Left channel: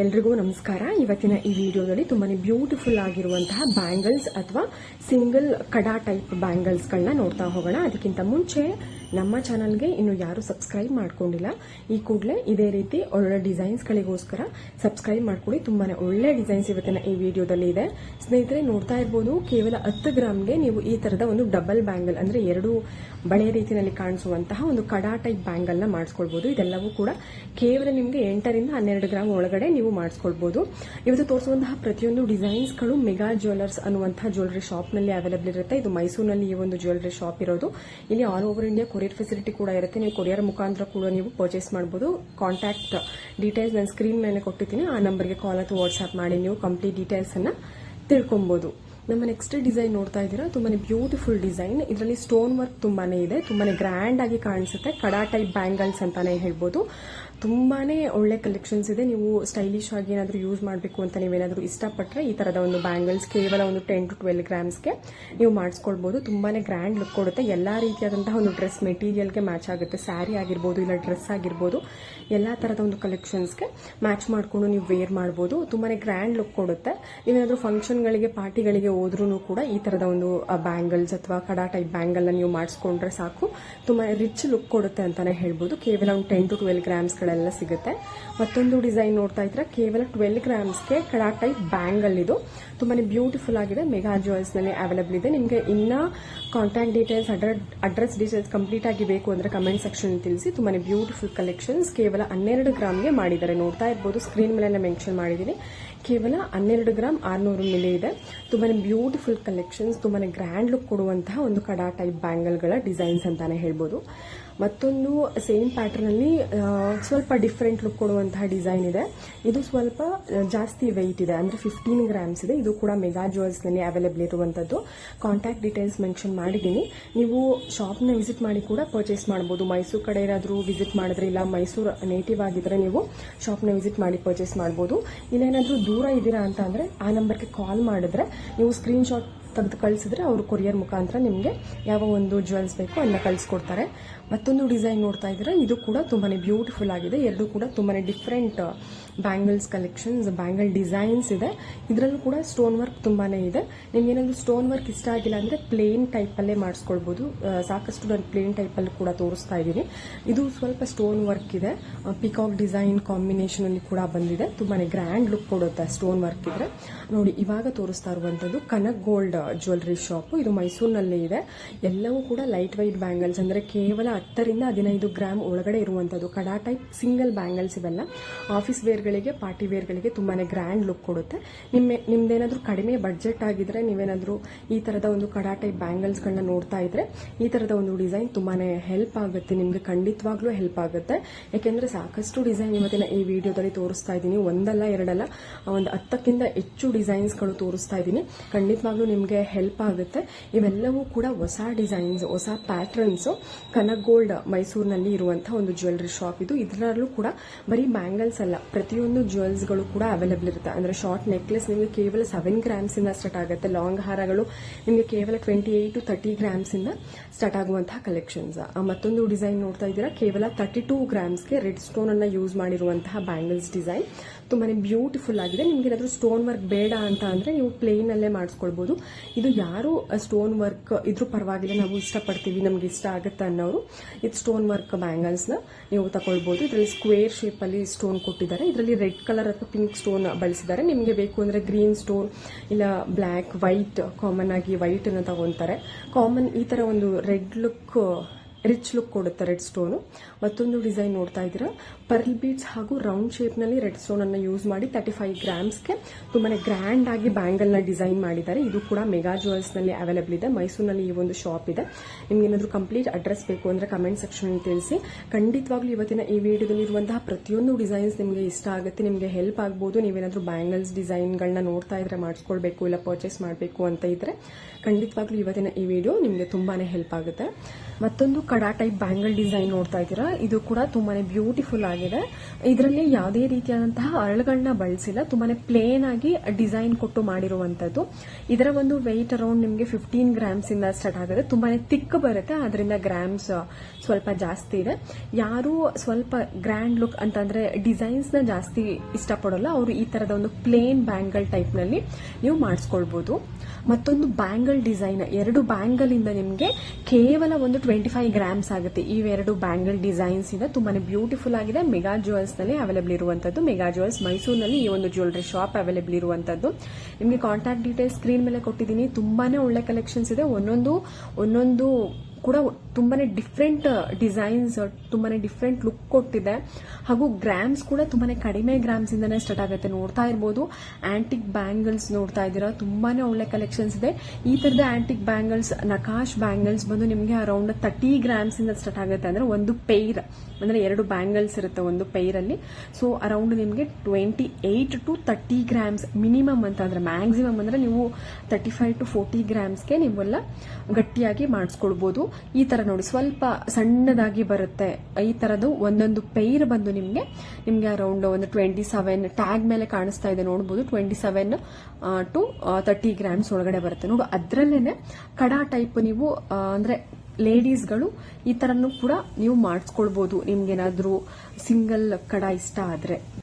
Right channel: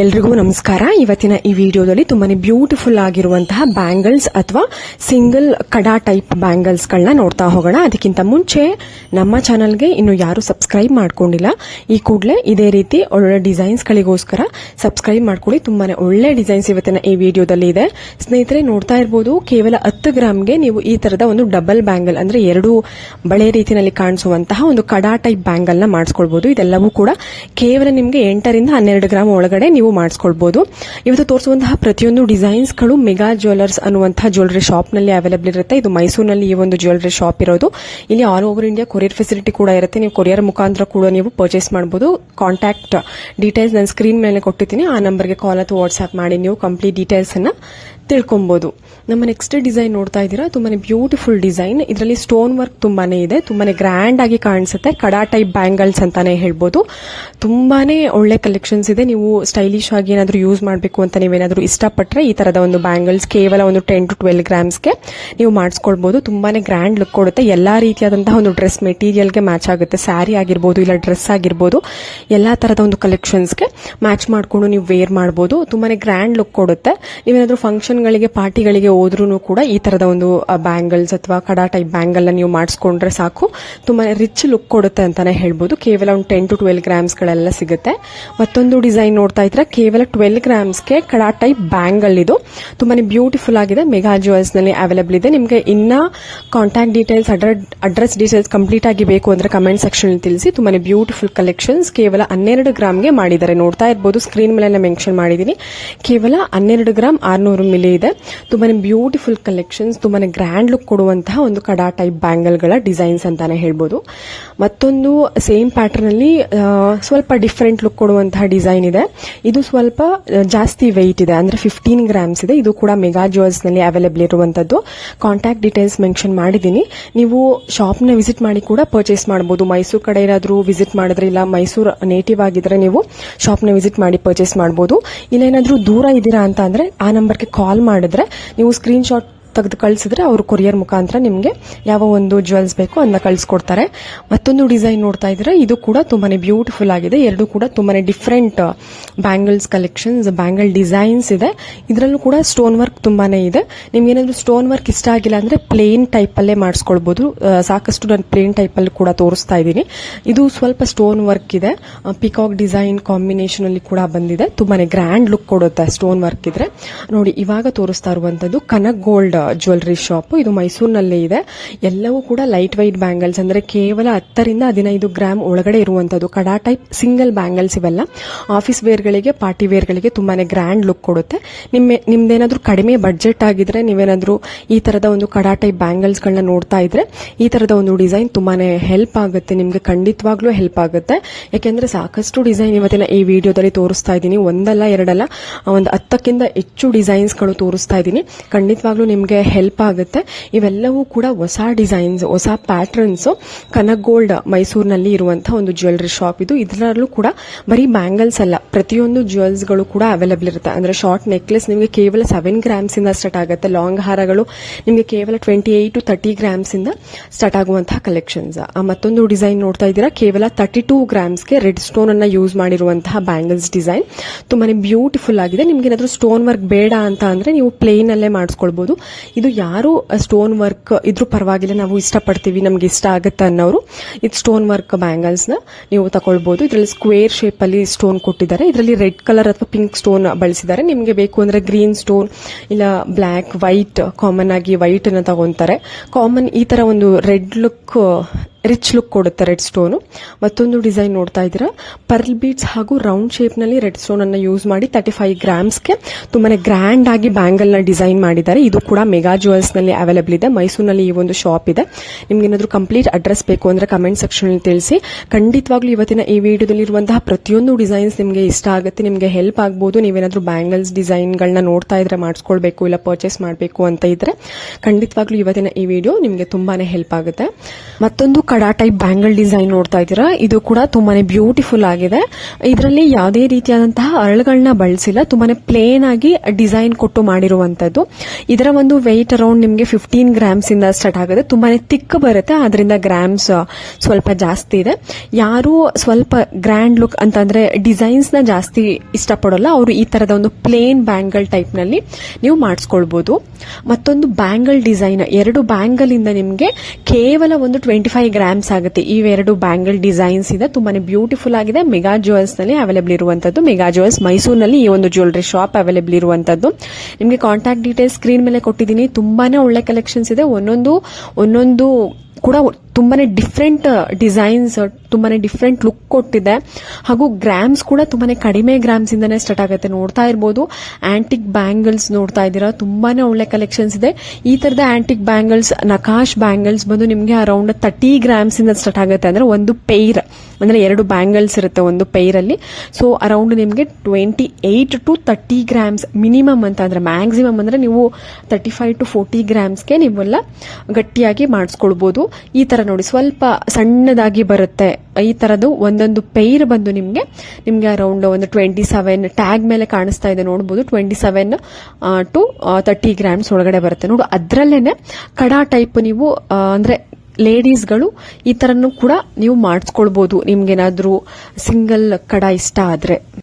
ಎಲ್ರಿಗೂ ನಮಸ್ಕಾರ. ಇವತ್ತಿನ ಈ ವಿಡಿಯೋದಲ್ಲಿ ತುಂಬಾನೇ ಬ್ಯೂಟಿಫುಲ್ ಆಗಿರುವಂತಹ ಬ್ಯಾಂಗಲ್ಸ್ ಅಥವಾ ಸಿಂಗಲ್ ಕಡಾ ಟೈಪ್ ಬ್ಯಾಂಗಲ್ಸ್ ಗಳನ್ನ ನೋಡ್ತಾ ಹೋಗೋಣ. ಅದಕ್ಕಿಂತ ಮುಂಚೆ ನಮ್ಮ ಚಾನಲ್ಗೆ ಇನ್ನು ಯಾರು ಸಬ್ಸ್ಕ್ರೈಬ್ ಮಾಡ್ಕೊಂಡಿಲ್ಲ, ಈ ಕೂಡಲೇ ಇದೇ ರೀತಿ ಒಳ್ಳೆ ಡಿಸೈನ್ಸ್ ಗಳಿಗೋಸ್ಕರ ಸಬ್ಸ್ಕ್ರೈಬ್ ಮಾಡ್ಕೊಳ್ಳಿ. ತುಂಬಾನೇ ಒಳ್ಳೆ ಡಿಸೈನ್ಸ್ ಇವತ್ತಿನ ಈ ವಿಡಿಯೋದಲ್ಲಿ ಇದೆ. ಸ್ನೇಹಿತರೆ, ನೋಡ್ತಾ ಇರಬಹುದು, ಕೇವಲ 10 ಗ್ರಾಮ್ಗೆ ನೀವು ಈ ತರದ ಒಂದು ಡಬಲ್ ಬ್ಯಾಂಗಲ್ ಅಂದ್ರೆ 2 ಬಳೆ ರೀತಿಯಲ್ಲಿ ಕಾಣಿಸುವಂತಹ ಒಂದು ಕಡಾ ಟೈಪ್ ಬ್ಯಾಂಗಲ್ ನ ಮಾಡಿಸ್ಕೊಳ್ಬಹುದು. ಇದೆಲ್ಲವೂ ಕೂಡ ಕೇವಲ ನಿಮಗೆ 8 ರಿಂದ 12 ಗ್ರಾಮ್ ಒಳಗಡೆ ನೀವು ಮಾಡಿಸ್ಕೊಳ್ಬಹುದು. ಇವತ್ತು ತೋರಿಸುವಂತಹ ಪ್ರತಿಯೊಂದು ಡಿಸೈನ್ಸ್ ಗಳು ಮೆಗಾ ಜ್ಯುವೆಲರ್ಸ್ ಅನ್ನುವಂತಹ ಜ್ಯುವೆಲರಿ ಶಾಪ್ ನಲ್ಲಿ ಅವೈಲೇಬಲ್ ಇರುತ್ತೆ. ಇದು ಮೈಸೂರಿನಲ್ಲಿ ಈ ಒಂದು ಜ್ಯುವೆಲರಿ ಶಾಪ್ ಇರೋದು. ಇಲ್ಲಿ all over India courier facility ಕೂಡ ಇರುತ್ತೆ. ನೀವು ಕೊರಿಯರ್ ಮುಖಾಂತರ ಕೂಡ ನೀವು ಪರ್ಚೇಸ್ ಮಾಡಬಹುದು. ಕಾಂಟ್ಯಾಕ್ಟ್ ಡೀಟೇಲ್ಸ್ ನಾನು ಸ್ಕ್ರೀನ್ ಮೇಲೆ ಕೊಟ್ಟಿದ್ದೀನಿ. ಆ ನಂಬರ್ಗೆ ಕಾಲ್ ಅಥವಾ ವಾಟ್ಸ್ಆಪ್ ಮಾಡಿ ನೀವು ಕಂಪ್ಲೀಟ್ ಡೀಟೇಲ್ಸ್ ಅನ್ನ ತಿಳ್ಕೊಬಹುದು. ನಮ್ಮ ನೆಕ್ಸ್ಟ್ ಡಿಸೈನ್ ನೋಡ್ತಾ ಇದ್ದೀರಾ, ತುಂಬಾನೇ ಬ್ಯೂಟಿಫುಲ್ ಡಿಸೈನ್. ಇದರಲ್ಲಿ ಸ್ಟೋನ್ ವರ್ಕ್ ತುಂಬಾನೇ ಇದೆ, ತುಂಬಾನೇ ಗ್ರ್ಯಾಂಡ್ ಆಗಿ ಕಾಣಿಸುತ್ತೆ. ಕಡಾ ಟೈಪ್ ಬ್ಯಾಂಗಲ್ಸ್ ಅಂತಾನೆ ಹೇಳ್ಬೋದು. ತುಂಬಾನೇ ಒಳ್ಳೆ ಕಲೆಕ್ಷನ್ಸ್ ಇದೆ. ನೀವು ಸ್ಟೈಲಿಶ್ ಆಗಿ ಏನಾದರೂ ಯೂಸ್ ಮಾಡಬೇಕು ಅಂತ ನೀವೇನಾದರೂ ಇಷ್ಟಪಟ್ಟರೆ ಈ ತರದ ಒಂದು ಬ್ಯಾಂಗಲ್ಸ್ ಕೇವಲ ಒಂದು 10 to 12 ಗ್ರಾಮ್ಸ್ಗೆ ನೀವು ಮಾಡಿಸ್ಕೊಳ್ಬಹುದು. ತುಂಬಾನೇ ಗ್ರ್ಯಾಂಡ್ ಲುಕ್ ಕೊಡುತ್ತೆ. ಎಲ್ಲಾ ರೀತಿಯಾದಂತಹ ಒಂದು ಡ್ರೆಸ್ ಮೆಟೀರಿಯಲ್ಗೆ ಮ್ಯಾಚ್ ಆಗುತ್ತೆ. ಸ್ಯಾರಿ ಆಗಿರ್ಬೋದು, ಇಲ್ಲ ಡ್ರೆಸ್ ಆಗಿರ್ಬೋದು, ಎಲ್ಲಾ ತರದ ಒಂದು ಕಲೆಕ್ಷನ್ಸ್ಗೆ ಮ್ಯಾಚ್ ಮಾಡಿಕೊಂಡು ನೀವು ವೇರ್ ಮಾಡಬಹುದು. ತುಂಬಾನೇ ಗ್ರ್ಯಾಂಡ್ ಲುಕ್ ಕೊಡುತ್ತೆ. ನೀವೇನಾದ್ರೂ ಫಂಕ್ಷನ್ಗಳಿಗೆ, ಪಾರ್ಟಿಗಳಿಗೆ ಹೋದ್ರೂ ಕೂಡ ಈ ತರದ ಒಂದು ಬ್ಯಾಂಗಲ್ಸ್ ಅಥವಾ ಕಡಾ ಟೈಪ್ ಬ್ಯಾಂಗಲ್ ನೀವು ಮಾಡಿಸ್ಕೊಂಡ್ರೆ ಸಾಕು, ತುಂಬಾ ರಿಚ್ ಲುಕ್ ಕೊಡುತ್ತೆ ಅಂತಾನೆ ಹೇಳ್ಬೋದು. ಕೇವಲ ಒಂದು 10 to 12 ಗ್ರಾಮ್ಸ್ ಗಳೆಲ್ಲ ಸಿಗುತ್ತೆ. ಮತ್ತೊಂದು ಡಿಸೈನ್ ನೋಡ್ತಾ ಇದ್ರೆ ಕೇವಲ 12 ಗ್ರಾಮ್ಸ್ಗೆ ಕಡಾ ಟೈಪ್ ಬ್ಯಾಂಗಲ್. ಇದು ತುಂಬಾನೇ ಬ್ಯೂಟಿಫುಲ್ ಆಗಿದೆ. ಮೆಗಾ ಜ್ಯುವೆಲ್ಸ್ ನಲ್ಲಿ ಅವೈಲೇಬಲ್ ಇದೆ. ನಿಮಗೆ ಇನ್ನ contact details, address details complete ಆಗಿ ಬೇಕು ಅಂದ್ರೆ ಕಮೆಂಟ್ ಸೆಕ್ಷನ್ ತಿಳಿಸಿ. ತುಂಬಾನೇ ಬ್ಯೂಟಿಫುಲ್ ಕಲೆಕ್ಷನ್ಸ್. ಕೇವಲ 12 ಗ್ರಾಮ್ಗೆ ಮಾಡಿದ್ದಾರೆ. ನೋಡ್ತಾ ಇರಬಹುದು, ಸ್ಕ್ರೀನ್ ಮೇಲೆ ಮೆನ್ಷನ್ ಮಾಡಿದೀನಿ. ಕೇವಲ 12 ಗ್ರಾಮ್ 600 ಮಿಲಿ ಇದೆ. ತುಂಬಾನೇ ಬ್ಯೂಟಿಫುಲ್ ಕಲೆಕ್ಷನ್ಸ್, ತುಂಬಾನೇ ಗ್ರ್ಯಾಂಡ್ ಲುಕ್ ಕೊಡುವಂತಹ ಒಂದು ಕಡಾ ಟೈಪ್ ಬ್ಯಾಂಗಲ್ ಗಳ ಡಿಸೈನ್ಸ್ ಅಂತಾನೆ ಹೇಳ್ಬೋದು. ಮತ್ತೊಂದು ಸೇಮ್ ಪ್ಯಾಟರ್ನ್ ಅಲ್ಲಿ ಸ್ವಲ್ಪ ಡಿಫರೆಂಟ್ ಲುಕ್ ಕೊಡುವಂತಹ ಡಿಸೈನ್ ಇದೆ. ಇದು ಸ್ವಲ್ಪ ಜಾಸ್ತಿ ವೆಯ್ಟ್ ಇದೆ, ಅಂದ್ರೆ 15 ಗ್ರಾಮ್ಸ್ ಇದೆ. ಇದು ಕೂಡ ಮೆಗಾ ಜ್ಯುವೆಲ್ಸ್ ನಲ್ಲಿ ಅವೈಲೇಬಲ್ ಇರುವಂತದ್ದು. ಕಾಂಟ್ಯಾಕ್ಟ್ ಡೀಟೇಲ್ಸ್ ಮೆನ್ಷನ್ ಮಾಡಿದೀನಿ. ನೀವು ಶಾಪ್ ನ ವಿಸಿಟ್ ಮಾಡಿ ಕೂಡ ಪರ್ಚೇಸ್ ಮಾಡಬಹುದು. ಮೈಸೂರು ಕಡೆ ಏನಾದರೂ ವಿಸಿಟ್ ಮಾಡಿದ್ರೆ, ಇಲ್ಲ ಮೈಸೂರು ನೇಟಿವ್ ಆಗಿದ್ರೆ ನೀವು ಶಾಪ್ ನ ವಿಸಿಟ್ ಮಾಡಿ ಪರ್ಚೇಸ್ ಮಾಡಬಹುದು. ಇಲ್ಲ ಏನಾದರೂ ದೂರ ಇದ್ದೀರಾ ಅಂತ ಅಂದ್ರೆ ಆ ನಂಬರ್ಗೆ ಕಾಲ್ ಮಾಡಿದ್ರೆ ನೀವು ಸ್ಕ್ರೀನ್ ಶಾಟ್ ತೆಗೆದು ಕಳಿಸಿದ್ರೆ ಅವರು ಕೊರಿಯರ್ ಮುಖಾಂತರ ನಿಮಗೆ ಯಾವ ಒಂದು ಜ್ಯುವೆಲ್ಸ್ ಬೇಕು ಅದನ್ನ ಕಳಿಸ್ಕೊಡ್ತಾರೆ. ಮತ್ತೊಂದು ಡಿಸೈನ್ ನೋಡ್ತಾ ಇದ್ರೆ ಇದು ಕೂಡ ತುಂಬಾನೇ ಬ್ಯೂಟಿಫುಲ್ ಆಗಿದೆ. ಎರಡು ಕೂಡ ತುಂಬಾನೇ different bangles collections, bangle designs ಇದೆ. ಇದರಲ್ಲೂ ಕೂಡ ಸ್ಟೋನ್ ವರ್ಕ್ ತುಂಬಾನೇ ಇದೆ. ನಿಮ್ಗೆ ಏನಾದ್ರು ಸ್ಟೋನ್ ವರ್ಕ್ ಇಷ್ಟ ಆಗಿಲ್ಲ ಅಂದ್ರೆ ಪ್ಲೇನ್ ಟೈಪ್ ಅಲ್ಲೇ ಮಾಡಿಸ್ಕೊಳ್ಬಹುದು. ಸಾಕಷ್ಟು ನಾನು ಪ್ಲೇನ್ ಟೈಪ್ ಅಲ್ಲಿ ಕೂಡ ತೋರಿಸ್ತಾ ಇದ್ದೀನಿ. ಇದು ಸ್ವಲ್ಪ ಸ್ಟೋನ್ ವರ್ಕ್ ಇದೆ. ಪಿಕಾಕ್ ಡಿಸೈನ್ ಕಾಂಬಿನೇಷನ್ ಅಲ್ಲಿ ಕೂಡ ಬಂದಿದೆ. ತುಂಬಾನೇ ಗ್ರ್ಯಾಂಡ್ ಲುಕ್ ಕೊಡುತ್ತೆ ಸ್ಟೋನ್ ವರ್ಕ್ ಇದ್ರೆ. ನೋಡಿ, ಇವಾಗ ತೋರಿಸ್ತಾ ಇರುವಂತದ್ದು ಕನಕ್ ಗೋಲ್ಡ್ ಜ್ಯುವೆಲರಿ ಶಾಪ್. ಇದು ಮೈಸೂರಿನಲ್ಲೇ ಇದೆ. ಎಲ್ಲವೂ ಕೂಡ ಲೈಟ್ ವೈಟ್ ಬ್ಯಾಂಗಲ್ಸ್, ಅಂದ್ರೆ ಕೇವಲ 10 ರಿಂದ 15 ಗ್ರಾಮ್ ಒಳಗಡೆ ಇರುವಂತದ್ದು ಕಡಾ ಟೈಪ್ ಸಿಂಗಲ್ ಬ್ಯಾಂಗಲ್ಸ್. ಇವೆಲ್ಲ ಆಫೀಸ್ ವೇರ್ ಗಳಿಗೆ, ಪಾರ್ಟಿ ವೇರ್ ಗಳಿಗೆ ತುಂಬಾನೇ ಗ್ರ್ಯಾಂಡ್ ಲುಕ್ ಕೊಡುತ್ತೆ. ನಿಮ್ದೇನಾದ್ರೂ ಕಡಿಮೆ ಬಡ್ಜೆಟ್ ಆಗಿದ್ರೆ, ನೀವೇನಾದ್ರೂ ಈ ತರದ ಒಂದು ಕಡಾ ಟೈಪ್ ಬ್ಯಾಂಗಲ್ಸ್ ಗಳನ್ನ ನೋಡ್ತಾ ಇದ್ರೆ ಈ ತರದ ಒಂದು ಡಿಸೈನ್ ತುಂಬಾನೇ ಹೆಲ್ಪ್ ಆಗುತ್ತೆ. ನಿಮ್ಗೆ ಖಂಡಿತವಾಗ್ಲೂ ಹೆಲ್ಪ್ ಆಗುತ್ತೆ. ಯಾಕೆಂದ್ರೆ ಸಾಕಷ್ಟು ಡಿಸೈನ್ ಇವತ್ತಿನ ಈ ವಿಡಿಯೋದಲ್ಲಿ ತೋರಿಸ್ತಾ ಇದ್ದೀನಿ. ಒಂದಲ್ಲ ಎರಡಲ್ಲ, ಒಂದು 10ಕ್ಕಿಂತ ಹೆಚ್ಚು ಡಿಸೈನ್ಸ್ ಗಳು ತೋರಿಸ್ತಾ ಇದ್ದೀನಿ. ಖಂಡಿತವಾಗ್ಲೂ ನಿಮ್ಗೆ ಹೆಲ್ಪ್ ಆಗುತ್ತೆ. ಇವೆಲ್ಲವೂ ಕೂಡ ಹೊಸ ಡಿಸೈನ್ಸ್, ಹೊಸ ಪ್ಯಾಟರ್ನ್ಸ್. ಕನಕ್ ಗೋಲ್ಡ್ ಮೈಸೂರಿನಲ್ಲಿ ಇರುವಂತಹ ಒಂದು ಜ್ಯುವೆಲರಿ ಶಾಪ್ ಇದು. ಇದರಲ್ಲೂ ಕೂಡ ಬರೀ ಬ್ಯಾಂಗಲ್ಸ್ ಅಲ್ಲ, ಪ್ರತಿಯೊಂದು ಜ್ಯುವೆಲ್ಸ್ ಗಳು ಕೂಡ ಅವೈಲೇಬಲ್ ಇರುತ್ತೆ. ಅಂದ್ರೆ ಶಾರ್ಟ್ ನೆಕ್ಲೆಸ್ ನಿಮಗೆ ಕೇವಲ 7 ಗ್ರಾಮ್ಸ್ ಇಂದ ಸ್ಟಾರ್ಟ್ ಆಗುತ್ತೆ. ಲಾಂಗ್ ಹಾರಗಳು ನಿಮಗೆ ಕೇವಲ 28 to 30 ಗ್ರಾಮ್ಸ್ ಇಂದ ಸ್ಟಾರ್ಟ್ ಆಗುವಂತಹ ಕಲೆಕ್ಷನ್ಸ್. ಮತ್ತೊಂದು ಡಿಸೈನ್ ನೋಡ್ತಾ ಇದ್ದೀರಾ, ಕೇವಲ 32 ಗ್ರಾಮ್ಸ್ಗೆ ರೆಡ್ ಸ್ಟೋನ್ ಅನ್ನ ಯೂಸ್ ಮಾಡಿರುವಂತಹ ಬ್ಯಾಂಗಲ್ಸ್ ಡಿಸೈನ್. ತುಂಬಾನೇ ಬ್ಯೂಟಿಫುಲ್ ಆಗಿದೆ. ನಿಮ್ಗೆ ಏನಾದ್ರೂ ಸ್ಟೋನ್ ವರ್ಕ್ ಬೇಡ ಅಂತ ಅಂದ್ರೆ ನೀವು ಪ್ಲೇನ್ ಅಲ್ಲೇ ಮಾಡಿಸ್ಕೊಳ್ಬಹುದು. ಇದು ಯಾರು ಸ್ಟೋನ್ ವರ್ಕ್ ಇದ್ರೂ ಪರವಾಗಿಲ್ಲ, ನಾವು ಇಷ್ಟಪಡ್ತೀವಿ, ನಮ್ಗೆ ಇಷ್ಟ ಆಗುತ್ತೆ ಅನ್ನೋರು ಇದು ಸ್ಟೋನ್ ವರ್ಕ್ ಬ್ಯಾಂಗಲ್ಸ್ ನ ನೀವು ತಗೊಳ್ಬಹುದು. ಇದರಲ್ಲಿ ಸ್ಕ್ವೇರ್ ಶೇಪ್ ಅಲ್ಲಿ ಸ್ಟೋನ್ ಕೊಟ್ಟಿದ್ದಾರೆ. ಇದರಲ್ಲಿ ರೆಡ್ ಕಲರ್ ಅಥವಾ ಪಿಂಕ್ ಸ್ಟೋನ್ ಬಳಸಿದ್ದಾರೆ. ನಿಮಗೆ ಬೇಕು ಅಂದ್ರೆ ಗ್ರೀನ್ ಸ್ಟೋನ್, ಇಲ್ಲ ಬ್ಲಾಕ್, ವೈಟ್, ಕಾಮನ್ ಆಗಿ ವೈಟ್ ಅನ್ನ ತಗೊಂತಾರೆ. ಕಾಮನ್ ಈ ತರ ಒಂದು ರೆಡ್ ಲುಕ್, ರಿಚ್ ಲುಕ್ ಕೊಡುತ್ತೆ ರೆಡ್ ಸ್ಟೋನ್. ಮತ್ತೊಂದು ಡಿಸೈನ್ ನೋಡ್ತಾ ಇದ್ದೀರಾ, ಪರ್ಲ್ ಬೀಡ್ಸ್ ಹಾಗೂ ರೌಂಡ್ ಶೇಪ್ ನಲ್ಲಿ ರೆಡ್ ಸ್ಟೋನ್ ಅನ್ನ ಯೂಸ್ ಮಾಡಿ 35 ಗ್ರಾಮ್ಸ್ಗೆ ತುಂಬಾನೇ ಗ್ರ್ಯಾಂಡ್ ಆಗಿ ಬ್ಯಾಂಗಲ್ ನ ಡಿಸೈನ್ ಮಾಡಿದ್ದಾರೆ. ಇದು ಕೂಡ ಮೆಗಾ ಜ್ಯುವೆಲ್ಸ್ ನಲ್ಲಿ ಅವೈಲೇಬಲ್ ಇದೆ. ಮೈಸೂರಿನಲ್ಲಿ ಈ ಒಂದು ಶಾಪ್ ಇದೆ. ನಿಮ್ಗೆ ಏನಾದ್ರು ಕಂಪ್ಲೀಟ್ ಅಡ್ರೆಸ್ ಬೇಕು ಅಂದ್ರೆ ಕಮೆಂಟ್ ಸೆಕ್ಷನ್ ಅಲ್ಲಿ ತಿಳಿಸಿ. ಖಂಡಿತವಾಗ್ಲೂ ಇವತ್ತಿನ ಈ ವಿಡಿಯೋದಲ್ಲಿ ಇರುವಂತಹ ಪ್ರತಿಯೊಂದು ಡಿಸೈನ್ಸ್ ನಿಮಗೆ ಇಷ್ಟ ಆಗುತ್ತೆ, ನಿಮಗೆ ಹೆಲ್ಪ್ ಆಗಬಹುದು. ನೀವೇನಾದ್ರೂ ಬ್ಯಾಂಗಲ್ಸ್ ಡಿಸೈನ್ ಗಳನ್ನ ನೋಡ್ತಾ ಇದ್ರೆ, ಮಾಡಿಸ್ಕೊಳ್ಬೇಕು ಇಲ್ಲ ಪರ್ಚೇಸ್ ಮಾಡಬೇಕು ಅಂತ ಇದ್ರೆ ಖಂಡಿತವಾಗ್ಲೂ ಇವತ್ತಿನ ಈ ವಿಡಿಯೋ ನಿಮಗೆ ತುಂಬಾನೇ ಹೆಲ್ಪ್ ಆಗುತ್ತೆ. ಮತ್ತೊಂದು ಕಡಾ ಟೈಪ್ ಬ್ಯಾಂಗಲ್ ಡಿಸೈನ್ ನೋಡ್ತಾ ಇದ್ದೀರಾ. ಇದು ಕೂಡ ತುಂಬಾನೇ ಬ್ಯೂಟಿಫುಲ್ ಆಗಿದೆ. ಇದರಲ್ಲಿ ಯಾವುದೇ ರೀತಿಯಾದಂತಹ ಅರಳುಗಳನ್ನ ಬಳಸಿಲ್ಲ, ತುಂಬಾನೇ ಪ್ಲೇನ್ ಆಗಿ ಡಿಸೈನ್ ಕೊಟ್ಟು ಮಾಡಿರುವಂತದ್ದು. ಇದರ ಒಂದು ವೆಯ್ಟ್ ಅರೌಂಡ್ ನಿಮಗೆ 15 ಗ್ರಾಮ್ಸ್ ಇಂದ ಸ್ಟಾರ್ಟ್ ಆಗುತ್ತೆ. ತುಂಬಾನೇ ತಿಕ್ ಬರುತ್ತೆ, ಅದರಿಂದ ಗ್ರಾಮ್ಸ್ ಸ್ವಲ್ಪ ಜಾಸ್ತಿ ಇದೆ. ಯಾರು ಸ್ವಲ್ಪ ಗ್ರ್ಯಾಂಡ್ ಲುಕ್ ಅಂತಂದ್ರೆ ಡಿಸೈನ್ಸ್ ನ ಜಾಸ್ತಿ ಇಷ್ಟಪಡೋಲ್ಲ, ಅವರು ಈ ತರದ ಒಂದು ಪ್ಲೇನ್ ಬ್ಯಾಂಗಲ್ ಟೈಪ್ ನಲ್ಲಿ ನೀವು ಮಾಡಿಸ್ಕೊಳ್ಬಹುದು. ಮತ್ತೊಂದು ಬ್ಯಾಂಗಲ್ ಡಿಸೈನ್, 2 ಬ್ಯಾಂಗಲ್ ಇಂದ ನಿಮಗೆ ಕೇವಲ ಒಂದು 25 ಗ್ರಾಮ್ಸ್ ಆಗುತ್ತೆ. ಈ 2 ಬ್ಯಾಂಗಲ್ ಡಿಸೈನ್ಸ್ ಇದೆ, ತುಂಬಾನೇ ಬ್ಯೂಟಿಫುಲ್ ಆಗಿದೆ. ಮೆಗಾ ಜ್ಯುವೆಲ್ಸ್ ನಲ್ಲಿ ಅವೈಲೇಬಲ್ ಇರುವಂತದ್ದು. ಮೆಗಾ ಜ್ಯುವೆಲ್ಸ್ ಮೈಸೂರಿನಲ್ಲಿ ಈ ಒಂದು ಜ್ಯುವೆಲರಿ ಶಾಪ್ ಅವೈಲೇಬಲ್ ಇರುವಂತದ್ದು. ನಿಮಗೆ ಕಾಂಟ್ಯಾಕ್ಟ್ ಡೀಟೇಲ್ಸ್ ಸ್ಕ್ರೀನ್ ಮೇಲೆ ಕೊಟ್ಟಿದ್ದೀನಿ. ತುಂಬಾನೇ ಒಳ್ಳೆ ಕಲೆಕ್ಷನ್ಸ್ ಇದೆ. ಒಂದೊಂದು ಕೂಡ ತುಂಬಾನೇ ಡಿಫ್ರೆಂಟ್ ಡಿಸೈನ್ಸ್, ತುಂಬಾನೇ ಡಿಫ್ರೆಂಟ್ ಲುಕ್ ಕೊಟ್ಟಿದೆ. ಹಾಗೂ ಗ್ರಾಮ್ಸ್ ಕೂಡ ತುಂಬಾನೇ ಕಡಿಮೆ ಗ್ರಾಮ್ಸ್ ಇಂದಾನೆ ಸ್ಟಾರ್ಟ್ ಆಗುತ್ತೆ. ನೋಡ್ತಾ ಇರಬಹುದು ಆಂಟಿಕ್ ಬ್ಯಾಂಗಲ್ಸ್ ನೋಡ್ತಾ ಇದ್ದೀರಾ, ತುಂಬಾನೇ ಒಳ್ಳೆ ಕಲೆಕ್ಷನ್ಸ್ ಇದೆ. ಈ ತರದ ಆಂಟಿಕ್ ಬ್ಯಾಂಗಲ್ಸ್, ನಕಾಶ್ ಬ್ಯಾಂಗಲ್ಸ್ ಬಂದು ನಿಮಗೆ ಅರೌಂಡ್ 30 ಗ್ರಾಮ್ಸ್ ಇಂದ ಸ್ಟಾರ್ಟ್ ಆಗುತ್ತೆ. ಅಂದ್ರೆ ಒಂದು ಪೇರ್, ಅಂದ್ರೆ 2 ಬ್ಯಾಂಗಲ್ಸ್ ಇರುತ್ತೆ ಒಂದು ಪೇರ್ ಅಲ್ಲಿ. ಸೊ ಅರೌಂಡ್ ನಿಮಗೆ 28 to 30 ಗ್ರಾಮ್ಸ್ ಮಿನಿಮಮ್ ಅಂತ ಅಂದ್ರೆ, ಮ್ಯಾಕ್ಸಿಮಮ್ ಅಂದ್ರೆ ನೀವು 35 to 40 ಗ್ರಾಮ್ಸ್ಗೆ ನೀವೆಲ್ಲ ಗಟ್ಟಿಯಾಗಿ ಮಾಡಿಸ್ಕೊಳ್ಬಹುದು. ಈ ತರ ನೋಡಿ ಸ್ವಲ್ಪ ಸಣ್ಣದಾಗಿ ಬರುತ್ತೆ. ಈ ತರದ್ದು ಒಂದೊಂದು ಪೇರ್ ಬಂದು ನಿಮ್ಗೆ ಅರೌಂಡ್ ಒಂದು 27 ಟ್ಯಾಗ್ ಮೇಲೆ ಕಾಣಿಸ್ತಾ ಇದೆ ನೋಡಬಹುದು. 27 to 30 ಗ್ರಾಮ್ಸ್ ಒಳಗಡೆ ಬರುತ್ತೆ ನೋಡು. ಅದ್ರಲ್ಲೇನೆ ಕಡಾ ಟೈಪ್ ನೀವು ಅಂದ್ರೆ ಲೇಡೀಸ್ಗಳು ಈ ತರನು ಕೂಡ ನೀವು ಮಾಡಿಸ್ಕೊಳ್ಬಹುದು, ನಿಮ್ಗೇನಾದ್ರೂ ಸಿಂಗಲ್ ಕಡಾ ಇಷ್ಟ ಆದ್ರೆ.